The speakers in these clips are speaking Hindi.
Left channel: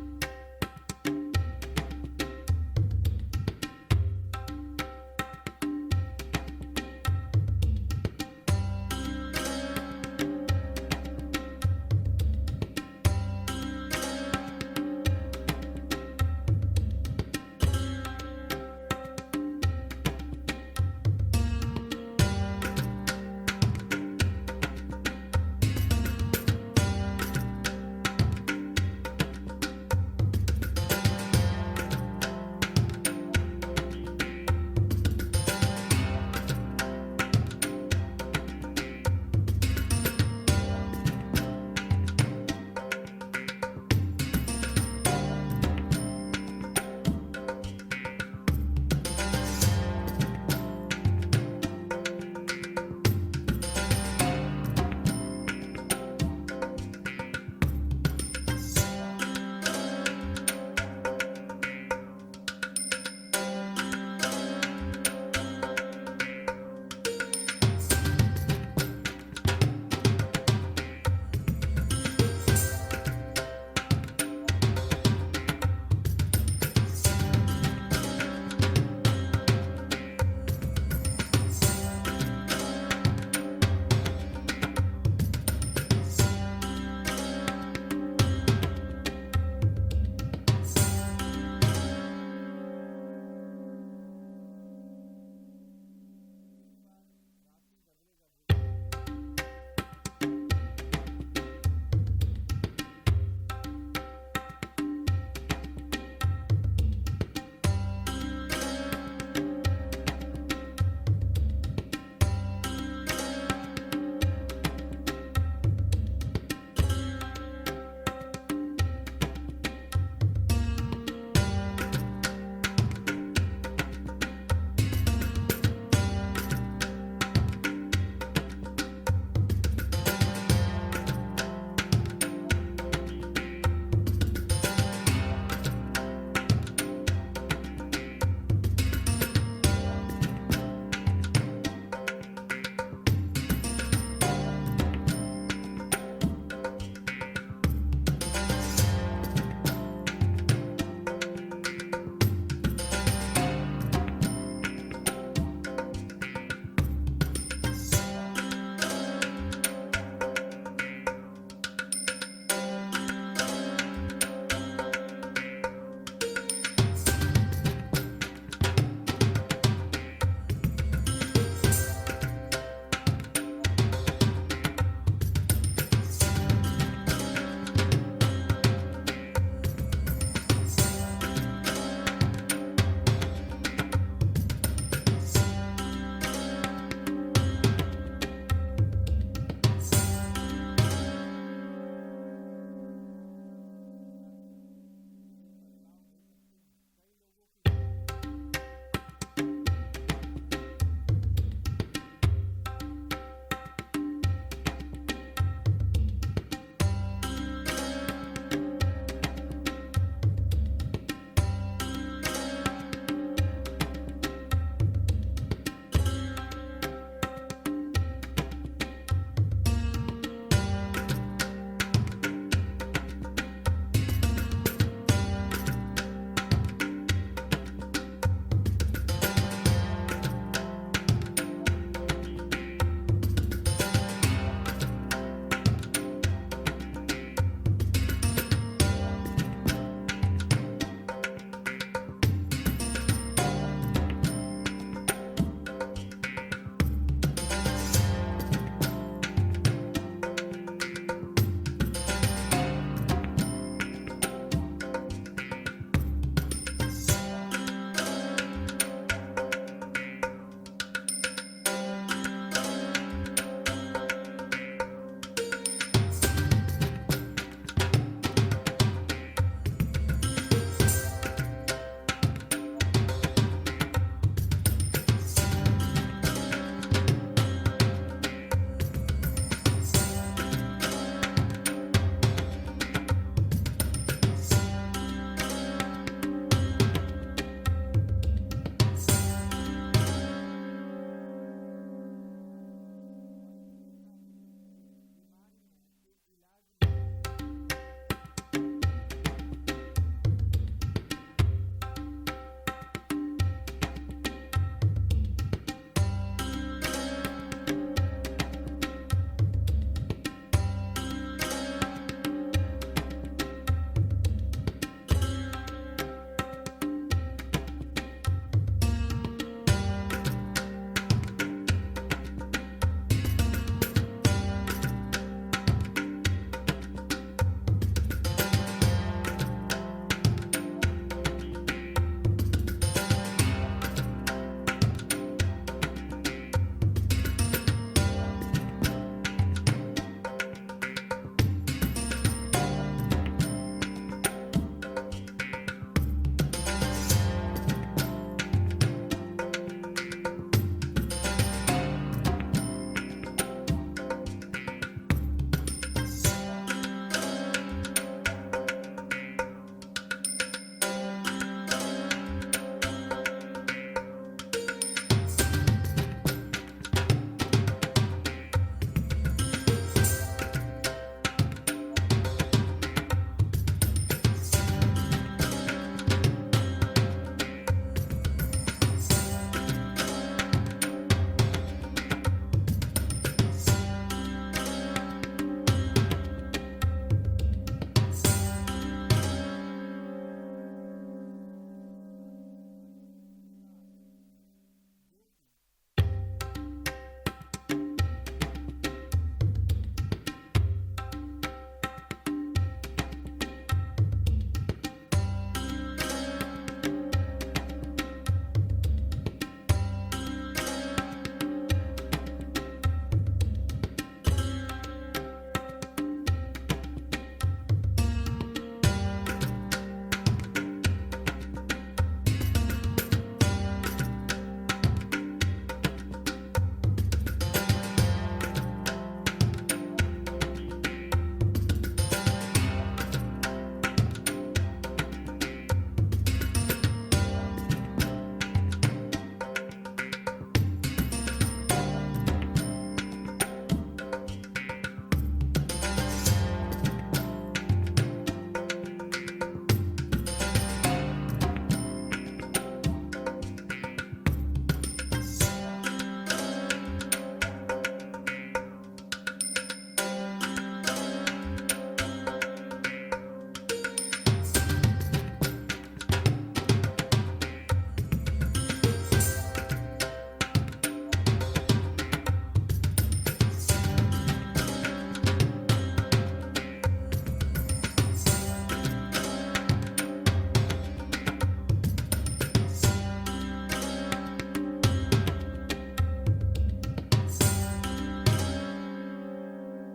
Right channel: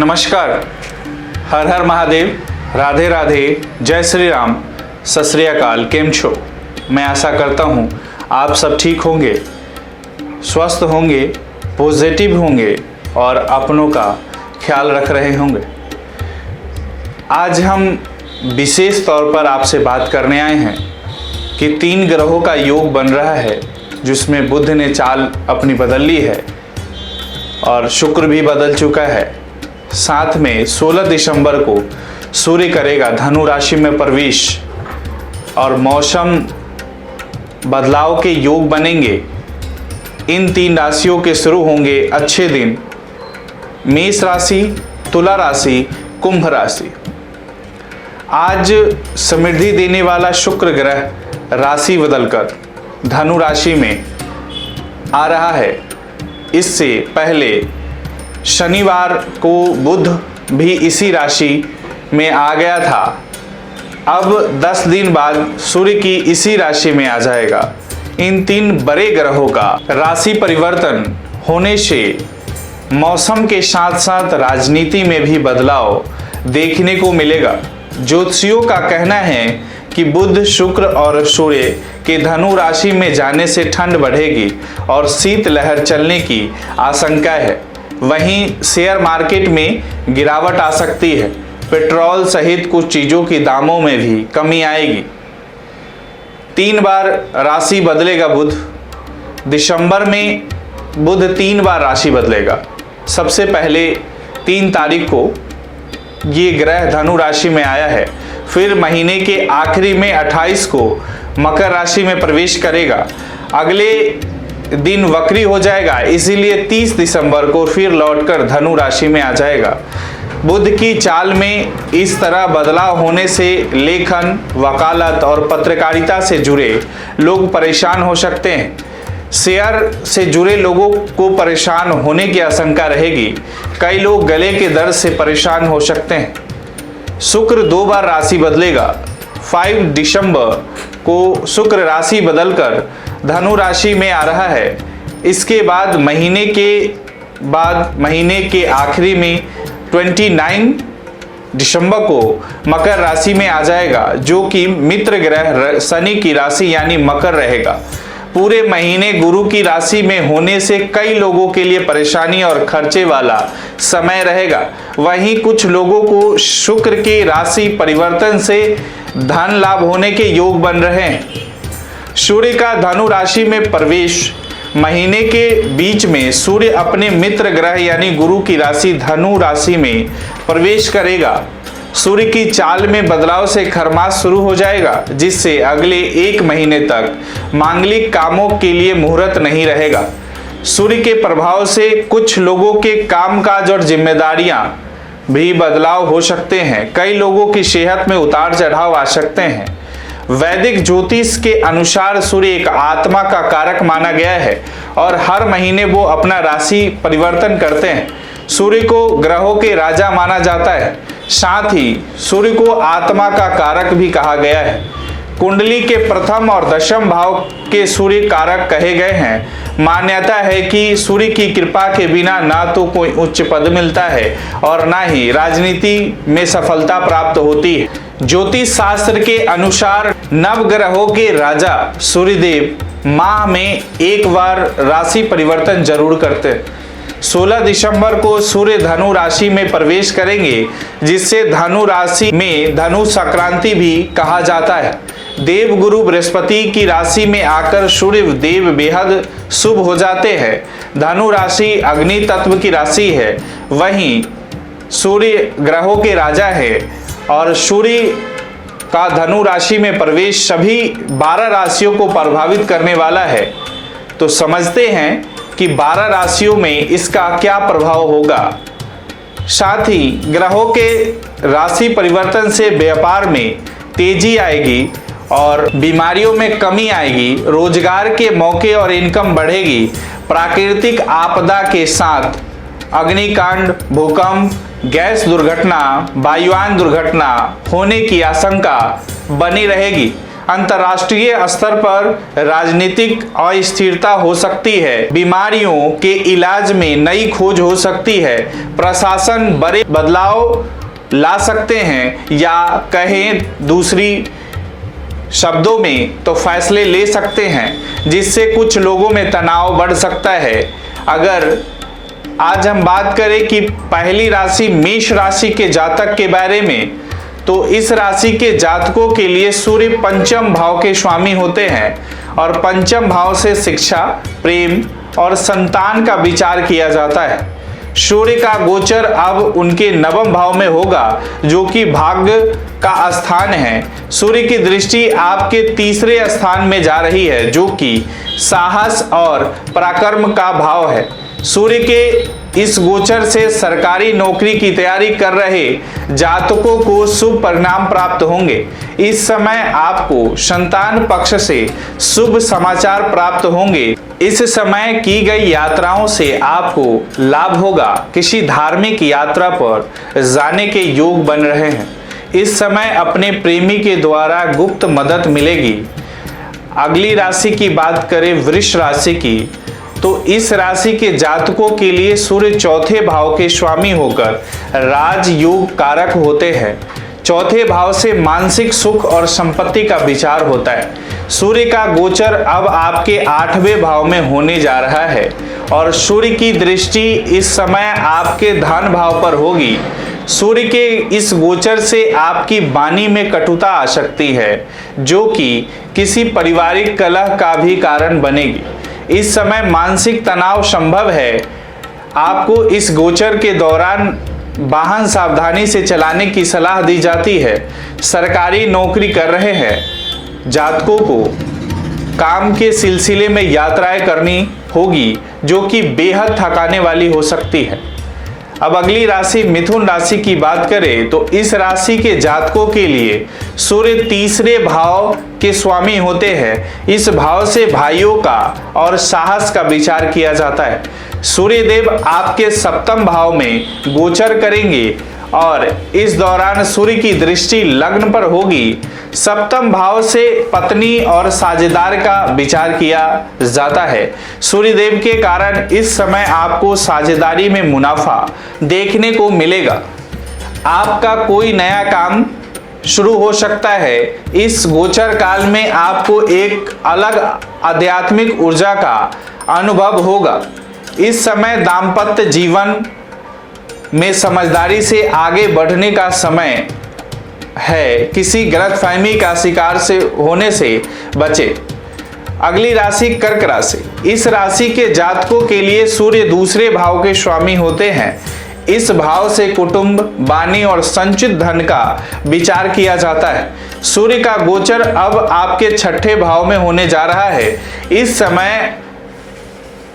नमस्कार, हर हर महादेव, राधे राधे, जय श्री राम, सत श्री अकाल। केम छो? मैं आशा करता हूँ आप सब ठीक होंगे, स्वस्थ होंगे, पॉजिटिव होंगे और अपनों का ख्याल रख रहे होंगे। आज हम विशेष तौर पर आपसे बात करने आए हैं कि 3 ग्रहों का योग बन रहा है, जिसमें बुध ने चाल अपनी बदल ली है और शुक्र भी बदल चुका है। साथ में 16 दिसंबर को सूर्य करेगा धनु राशि में प्रवेश और मौसम बदलाव के योग बनेंगे। इन 3 राशियों के शुरू होंगे अच्छे दिन, मेष राशि, तुला राशि, कुंभ राशि। आज समृद्धि देने वाला शुक्र ग्रह राशि बदलकर धनु राशि में आ रहा है। इससे पहले शनिवार को बुध भी इसी राशि में आ गया था। अब 10 दिन बाद सूर्य की इसी राशि में आ जाएगा। इन 3 बड़े ग्रहों का राशि परिवर्तन होने से मौसम के साथ साथ राजनीति में भी बदलाव देखने को मिलेगा। ज्योतिषियों का कहना है कि बुध, शुक्र और सूर्य के धनु राशि में जाने से ठंड बढ़ेगी और शीत लहर चलने की आशंका है। वहीं शेयर मार्केट में गिरावट आ सकती है। पेट्रोल सहित कुछ चीज़ों की दामों में भी कमी आएगी। 3 बार राशि बदलेगा बुध। दिसंबर में बुध 3 बार राशि बदलेगा। सबसे पहले 3 तारीख को ये ग्रह धनु राशि में आया है, फिर महीने के आखिरी में 28 को मकर राशि में प्रवेश करेगा। अगले दिन वक्री हो जाएगा, इसीलिए 30 दिसंबर को फिर लौटकर धनु राशि में आ जाएगा। बुध की चाल में इस तरह बदलाव होने से लेखन, वकालत और पत्रकारिता से जुड़े लोग परेशान हो सकते हैं। शेयर से जुड़े लोगों को परेशान होने की आशंका रहेगी। कई लोग गले के दर्द से परेशान हो सकते हैं। शुक्र 2 बार राशि बदलेगा। 5 दिसंबर को शुक्र राशि बदलकर धनु राशि में आ रहा है। इसके बाद महीने के आखिरी में 29 दिसंबर को मकर राशि में आ जाएगा, जो कि मित्र ग्रह शनि की राशि यानी मकर रहेगा। पूरे महीने गुरु की राशि में होने से कई लोगों के लिए परेशानी और खर्चे वाला समय रहेगा। वहीं कुछ लोगों को शुक्र के राशि परिवर्तन से धन लाभ होने के योग बन रहे हैं। सूर्य का धनु राशि में प्रवेश महीने के बीच में सूर्य अपने मित्र ग्रह यानी गुरु की राशि धनु राशि में प्रवेश करेगा। सूर्य की चाल में बदलाव से खरमास शुरू हो जाएगा, जिससे अगले 1 महीने तक मांगलिक कामों के लिए मुहूर्त नहीं रहेगा। सूर्य के प्रभाव से कुछ लोगों के कामकाज और जिम्मेदारियां भी बदलाव हो सकते हैं। कई लोगों की सेहत में उतार चढ़ाव आ सकते हैं। वैदिक ज्योतिष के अनुसार सूर्य एक आत्मा का कारक माना गया है और हर महीने वो अपना राशि परिवर्तन करते हैं। सूर्य को ग्रहों के राजा माना जाता है, साथ ही सूर्य को आत्मा का कारक भी कहा गया है। कुंडली के प्रथम और दशम भाव के सूर्य कारक कहे गए हैं। मान्यता है कि सूर्य की कृपा के बिना ना तो कोई उच्च पद मिलता है और ना ही राजनीति में सफलता प्राप्त होती है। ज्योतिष शास्त्र के अनुसार नवग्रहों के राजा सूर्यदेव माह में 1 बार राशि परिवर्तन जरूर करते हैं। 16 दिसंबर को सूर्य धनु राशि में प्रवेश करेंगे, जिससे धनु राशि में धनु संक्रांति भी कहा जाता है। देवगुरु बृहस्पति की राशि में आकर सूर्य देव बेहद शुभ हो जाते हैं। धनु राशि अग्नि तत्व की राशि है, वहीं सूर्य ग्रहों के राजा है और सूर्य का धनु राशि में प्रवेश सभी 12 राशियों को प्रभावित करने वाला है। तो समझते हैं कि 12 राशियों में इसका क्या प्रभाव होगा। साथ ही ग्रहों के राशि परिवर्तन से व्यापार में तेजी आएगी और बीमारियों में कमी आएगी। रोजगार के मौके और इनकम बढ़ेगी। प्राकृतिक आपदा के साथ अग्निकांड, भूकंप, गैस दुर्घटना, वायुयान दुर्घटना होने की आशंका बनी रहेगी। अंतर्राष्ट्रीय स्तर पर राजनीतिक अस्थिरता हो सकती है, बीमारियों के इलाज में नई खोज हो सकती है, प्रशासन बड़े बदलाव ला सकते हैं या कहें दूसरी शब्दों में तो फैसले ले सकते हैं, जिससे कुछ लोगों में तनाव बढ़ सकता है। अगर आज हम बात करें कि पहली राशि मेष राशि के जातक के बारे में, तो इस राशि के जातकों के लिए सूर्य पंचम भाव के स्वामी होते हैं और पंचम भाव से शिक्षा, प्रेम और संतान का विचार किया जाता है। सूर्य का गोचर अब उनके नवम भाव में होगा, जो कि भाग्य का स्थान है। सूर्य की दृष्टि आपके तीसरे स्थान में जा रही है, जो कि साहस और पराक्रम का भाव है। सूर्य के इस गोचर से सरकारी नौकरी की तैयारी कर रहे जातकों को शुभ परिणाम प्राप्त होंगे। इस समय आपको संतान पक्ष से शुभ समाचार प्राप्त होंगे। इस समय की गई यात्राओं से आपको लाभ होगा। किसी धार्मिक यात्रा पर जाने के योग बन रहे हैं। इस समय अपने प्रेमी के द्वारा गुप्त मदद मिलेगी। अगली राशि की बात करें वृष राशि की, तो इस राशि के जातकों के लिए सूर्य चौथे भाव के स्वामी होकर राजयोग कारक होते हैं। चौथे भाव से मानसिक सुख और संपत्ति का विचार होता है। सूर्य का गोचर अब आपके 8वें भाव में होने जा रहा है और सूर्य की दृष्टि इस समय आपके धन भाव पर होगी। सूर्य के इस गोचर से आपकी वाणी में कटुता आ सकती है, जो कि किसी पारिवारिक कलह का भी कारण बनेगी। इस समय मानसिक तनाव संभव है। आपको इस गोचर के दौरान वाहन सावधानी से चलाने की सलाह दी जाती है। सरकारी नौकरी कर रहे हैं जातकों को काम के सिलसिले में यात्राएं करनी होगी, जो कि बेहद थकाने वाली हो सकती है। अब अगली राशि मिथुन राशि की बात करें, तो इस राशि के जातकों के लिए सूर्य तीसरे भाव के स्वामी होते हैं। इस भाव से भाइयों का और साहस का विचार किया जाता है। सूर्य देव आपके सप्तम भाव में गोचर करेंगे और इस दौरान सूर्य की दृष्टि लग्न पर होगी। सप्तम भाव से पत्नी और साझेदार का विचार किया जाता है। सूर्य देव के कारण इस समय आपको साझेदारी में मुनाफा देखने को मिलेगा। आपका कोई नया काम शुरू हो सकता है। इस गोचर काल में आपको एक अलग आध्यात्मिक ऊर्जा का अनुभव होगा। इस समय दाम्पत्य जीवन में समझदारी से आगे बढ़ने का समय है। किसी गलतफहमी का शिकार से होने से बचे। अगली राशि कर्क राशि। इस राशि के जातकों के लिए सूर्य दूसरे भाव के स्वामी होते हैं। इस भाव से कुटुंब, वाणी और संचित धन का विचार किया जाता है। सूर्य का गोचर अब आपके छठे भाव में होने जा रहा है। इस समय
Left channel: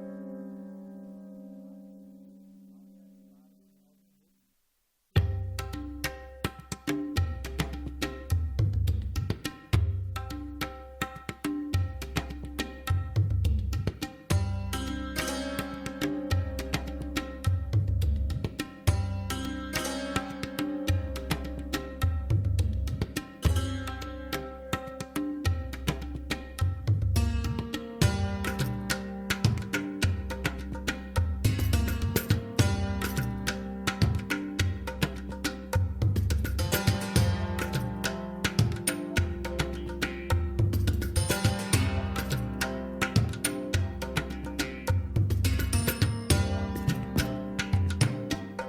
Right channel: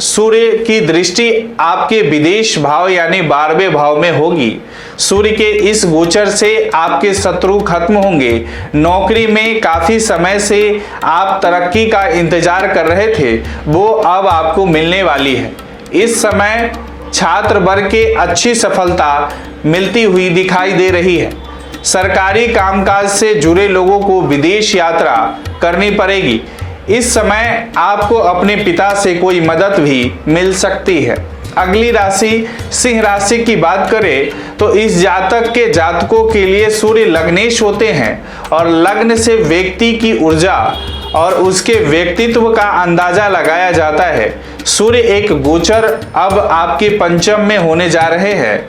सूर्य की दृष्टि आपके विदेश भाव यानी 12वें भाव में होगी। सूर्य के इस गोचर से आपके शत्रु खत्म होंगे। नौकरी में काफी समय से आप तरक्की का इंतजार कर रहे थे, वो अब आपको मिलने वाली है। इस समय छात्र वर्ग के अच्छी सफलता मिलती हुई दिखाई दे रही है। सरकारी कामकाज से जुड़े लोगों को विदेश यात्रा करनी पड़ेगी। इस समय आपको अपने पिता से कोई मदद भी मिल सकती है। अगली राशि सिंह राशि की बात करें, तो इस जातक के जातकों के लिए सूर्य लग्नेश होते हैं और लग्न से व्यक्ति की ऊर्जा और उसके व्यक्तित्व का अंदाजा लगाया जाता है। सूर्य एक गोचर अब आपके पंचम में होने जा रहे हैं।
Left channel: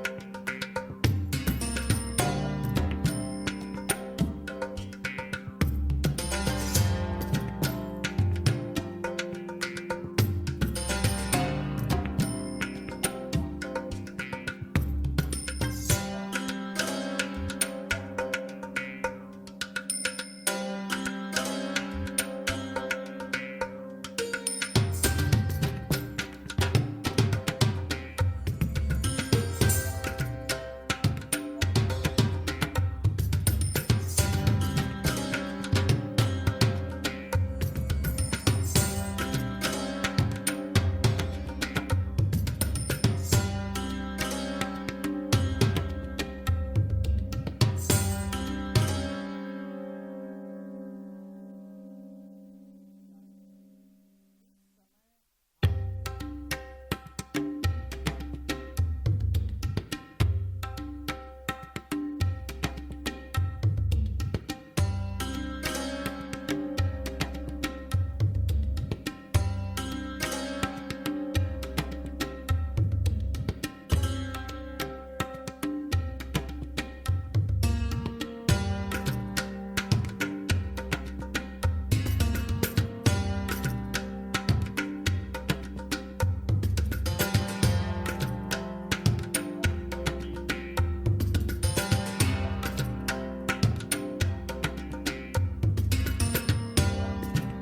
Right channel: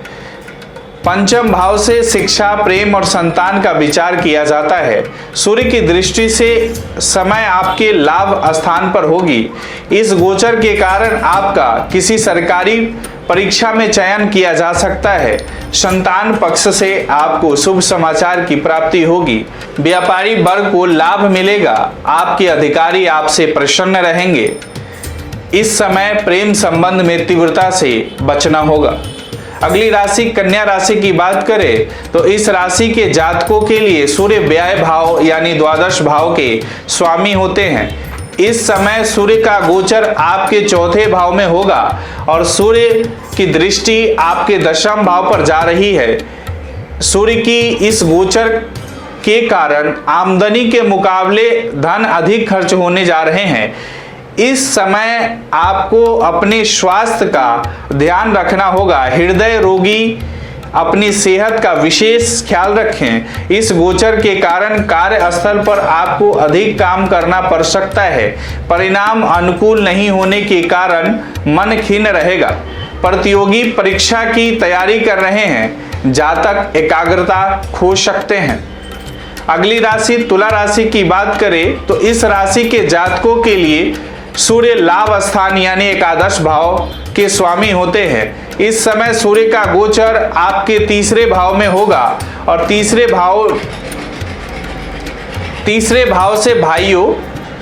पंचम भाव से शिक्षा, प्रेम और संतान का विचार किया जाता है। सूर्य की दृष्टि से समय आपके लाभ स्थान पर होगी। इस गोचर के कारण आपका किसी सरकारी परीक्षा में चयन किया जा सकता है। संतान पक्ष से आपको शुभ समाचार की प्राप्ति होगी। व्यापारी वर्ग को लाभ मिलेगा। आपके अधिकारी आपसे प्रसन्न रहेंगे। इस समय प्रेम संबंध में तीव्रता से बचना होगा। अगली राशि कन्या राशि की बात करें, तो इस राशि के जातकों के लिए सूर्य व्यय भाव यानी द्वादश भाव के स्वामी होते हैं। इस समय सूर्य का गोचर आपके चौथे भाव में होगा और सूर्य की दृष्टि आपके दशम भाव पर जा रही है। सूर्य की इस गोचर के कारण आमदनी के मुकाबले धन अधिक खर्च होने जा रहे हैं। इस समय आपको अपने स्वास्थ्य का ध्यान रखना होगा। हृदय रोगी अपनी सेहत का विशेष ख्याल रखें। इस गोचर के कारण कार्यस्थल पर आपको अधिक काम करना पड़ सकता है। परिणाम अनुकूल नहीं होने के कारण मन खिन्न रहेगा। प्रतियोगी परीक्षा की तैयारी कर रहे हैं, जातक एकाग्रता खो सकते हैं। अगली राशि तुला राशि की बात करें तो इस राशि के जातकों के लिए सूर्य लाभ स्थान यानी एकादश भाव के स्वामी होते हैं। इस समय सूर्य का गोचर आपके तीसरे भाव में होगा और तीसरे भाव से भाइयों,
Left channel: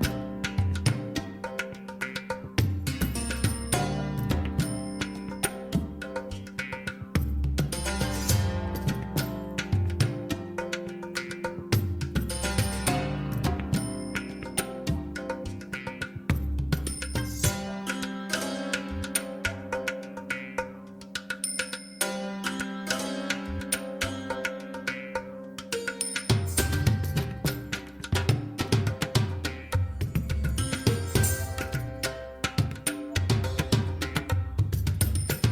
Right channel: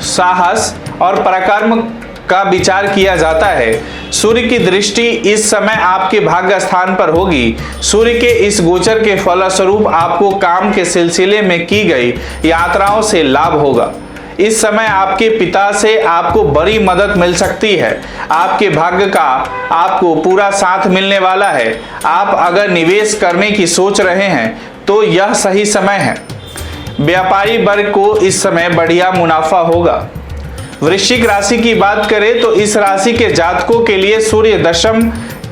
साहस और पराक्रम का विचार किया जाता है। सूर्य की दृष्टि इस समय आपके भाग्य स्थान पर होगी। सूर्य के इस गोचर के फलस्वरूप आपको काम के सिलसिले में की गई यात्राओं से लाभ होगा। इस समय आपके पिता से आपको बड़ी मदद मिल सकती है। आपके भाग्य का आपको पूरा साथ मिलने वाला है। आप अगर निवेश करने की सोच रहे हैं तो यह सही समय है। व्यापारी वर्ग को इस समय बढ़िया मुनाफा होगा। वृश्चिक राशि की बात करें तो इस राशि के जातकों के लिए सूर्य दशम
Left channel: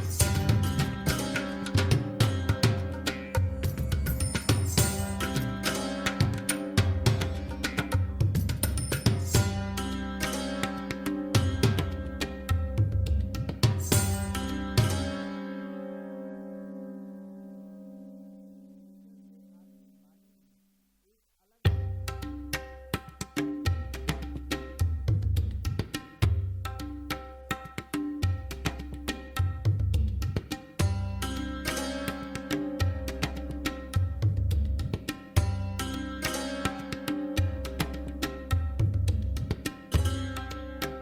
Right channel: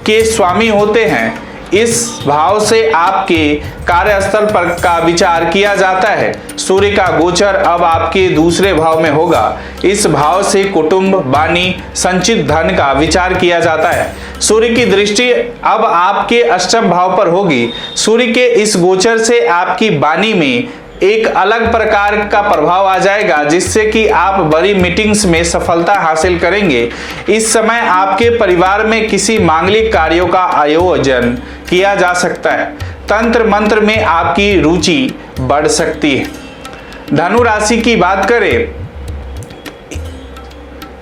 के स्वामी होते हैं। इस भाव से आपके कार्यस्थल पर का विचार किया जाता है। सूर्य का गोचर अब आपके दूसरे भाव में होगा। इस भाव से कुटुंब, वाणी, संचित धन का विचार किया जाता है। सूर्य की दृष्टि अब आपके अष्टम भाव पर होगी। सूर्य के इस गोचर से आपकी वाणी में एक अलग प्रकार का प्रभाव आ जाएगा, जिससे कि आप बड़ी मीटिंग्स में सफलता हासिल करेंगे। इस समय आपके परिवार में किसी मांगलिक कार्यों का आयोजन किया जा सकता है। तंत्र मंत्र में आपकी रुचि बढ़ सकती है। धनु राशि की बात करें,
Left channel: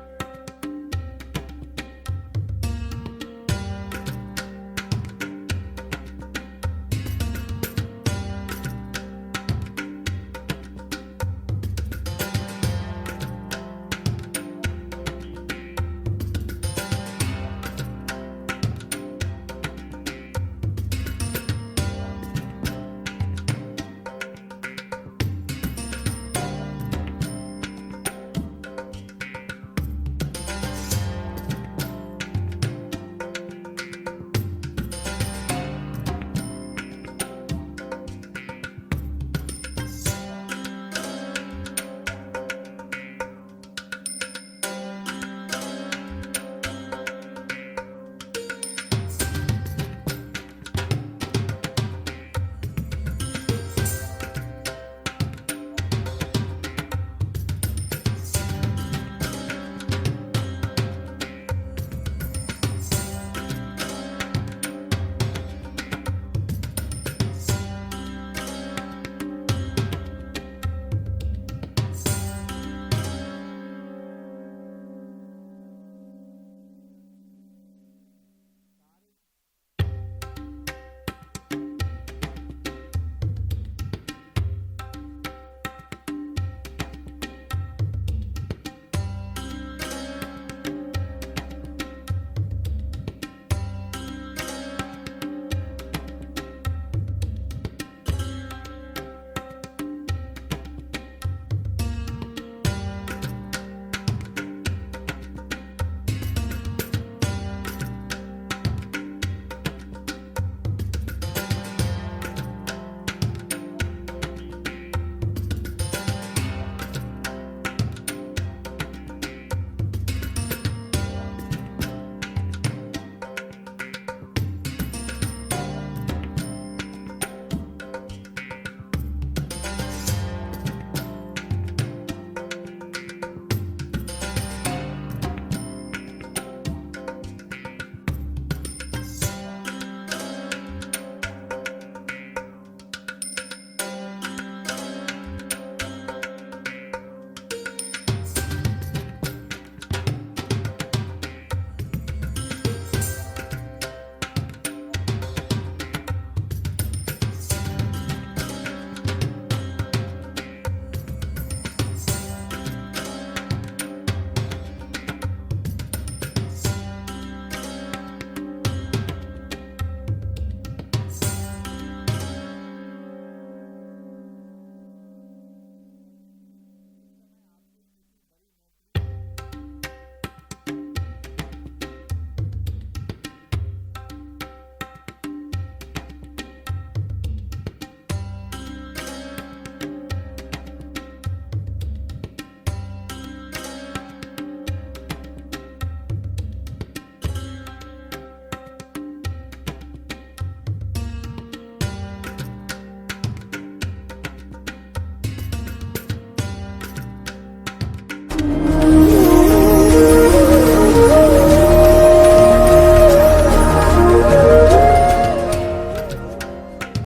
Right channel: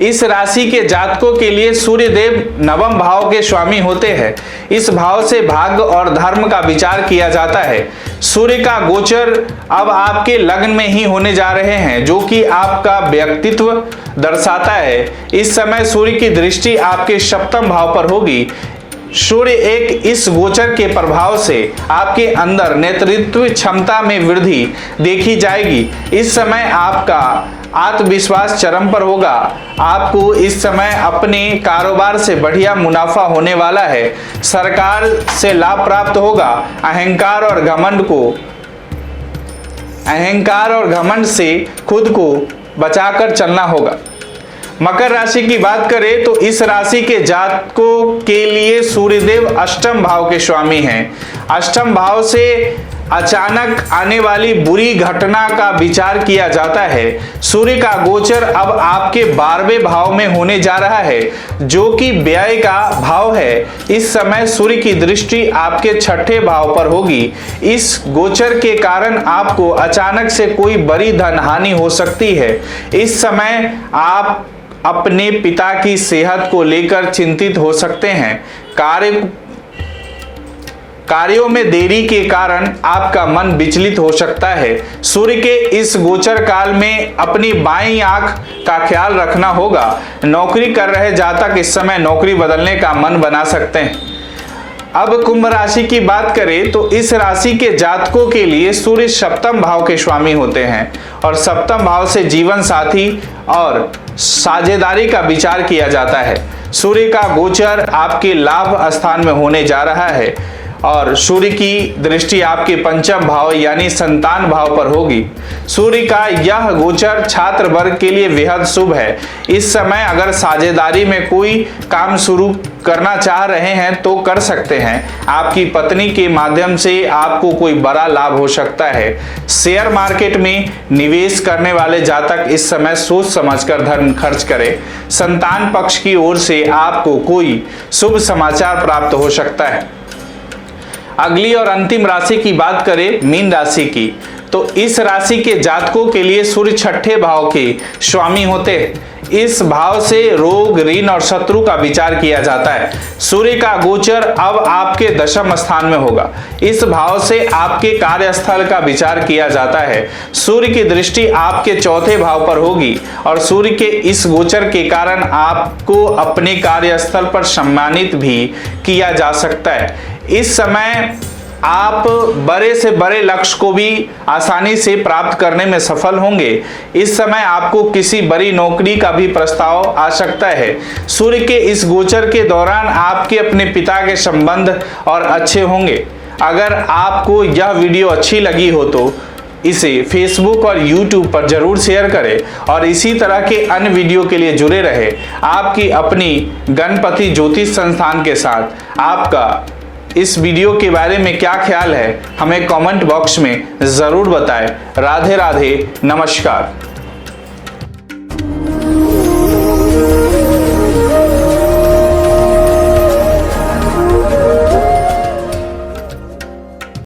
इस राशि के जातकों के लिए सूर्य देव नवम भाव के स्वामी होते हैं। इस भाव से भाग्य और धर्म का विचार किया जाता है। सूर्य का गोचर अब आपके लग्न में ही होने जा रहे हैं, जो कि आपका व्यक्तित्व दर्शाता है। इस समय सूर्य की दृष्टि आपके सप्तम भाव पर होगी। सूर्य एक इस गोचर के प्रभाव से आपके अंदर नेतृत्व क्षमता में वृद्धि देखी जाएगी। इस समय आपका आत्मविश्वास चरम पर होगा। आपको इस समय अपने कारोबार से बढ़िया मुनाफा होने वाला है। सरकार से लाभ प्राप्त होगा। अहंकार और घमंड से खुद को बचाकर चलना होगा। मकर राशि की बात करें तो इस राशि के जातकों के लिए सूर्यदेव अष्टम भाव के स्वामी हैं। अष्टम भाव से अचानक आने वाली बुरी घटना का विचार किया जाता है। सूर्य का गोचर अब आपके 12वें भाव में होने जा रहा है, जो कि व्यय का भाव है। इस समय सूर्य की दृष्टि आपके 6ठे भाव पर होगी। इस गोचर के कारण आपको अचानक से कोई बड़ी धन हानि हो सकती है। इस समय आप अपने पिता की सेहत को लेकर चिंतित हो सकते हैं। कार्यों में देरी के कारण आपका मन विचलित हो सकता है। सूर्य के इस गोचर काल में अपनी बाईं आंख का ख्याल रखना होगा। नौकरी कर रहे जातक इस समय नौकरी बदलने का मन बना सकते हैं। अब कुंभ राशि की बात करें तो इस राशि के जातकों के लिए सूर्य सप्तम भाव के स्वामी होते हैं और सप्तम भाव से जीवन साथी और साझेदारी का विचार किया जाता है। सूर्य का गोचर आपके लाभ स्थान में होने जा रहा है और सूर्य की दृष्टि आपके पंचम भाव यानी संतान भाव पर होगी। सूर्य का यह गोचर छात्र वर्ग के लिए बेहद शुभ है। इस समय अगर साझेदारी में कोई काम शुरू करना चाह रहे हैं तो कर सकते हैं। आपकी पत्नी के माध्यम से आपको कोई बड़ा लाभ हो सकता है। शेयर मार्केट में निवेश करने वाले जातक इस समय सोच समझकर धन खर्च करें। संतान पक्ष की ओर से आपको कोई शुभ समाचार प्राप्त हो सकता है। अगली और अंतिम राशि की बात करें मीन राशि की, तो इस राशि के जातकों के लिए सूर्य 6ठे भाव के स्वामी होते हैं। इस भाव से रोग, ऋण और शत्रु का विचार किया जाता है। सूर्य का गोचर अब आपके दशम स्थान में होगा। इस भाव से आपके कार्यस्थल का विचार किया जाता है। सूर्य की दृष्टि आपके चौथे भाव पर होगी और सूर्य के इस गोचर के कारण आपको अपने कार्यस्थल पर सम्मानित भी किया जा सकता है। इस समय आप बड़े से बड़े लक्ष्य को भी आसानी से प्राप्त करने में सफल होंगे। इस समय आपको किसी बड़ी नौकरी का भी प्रस्ताव आ सकता है। सूर्य के इस गोचर के दौरान आपके अपने पिता के संबंध और अच्छे होंगे। अगर आपको यह वीडियो अच्छी लगी हो तो इसे फेसबुक और यूट्यूब पर जरूर शेयर करें और इसी तरह के अन्य वीडियो के लिए जुड़े रहे। आपकी अपनी गणपति ज्योतिष संस्थान के साथ आपका इस वीडियो के बारे में क्या ख्याल है, हमें कमेंट बॉक्स में जरूर बताएं। राधे राधे, नमस्कार।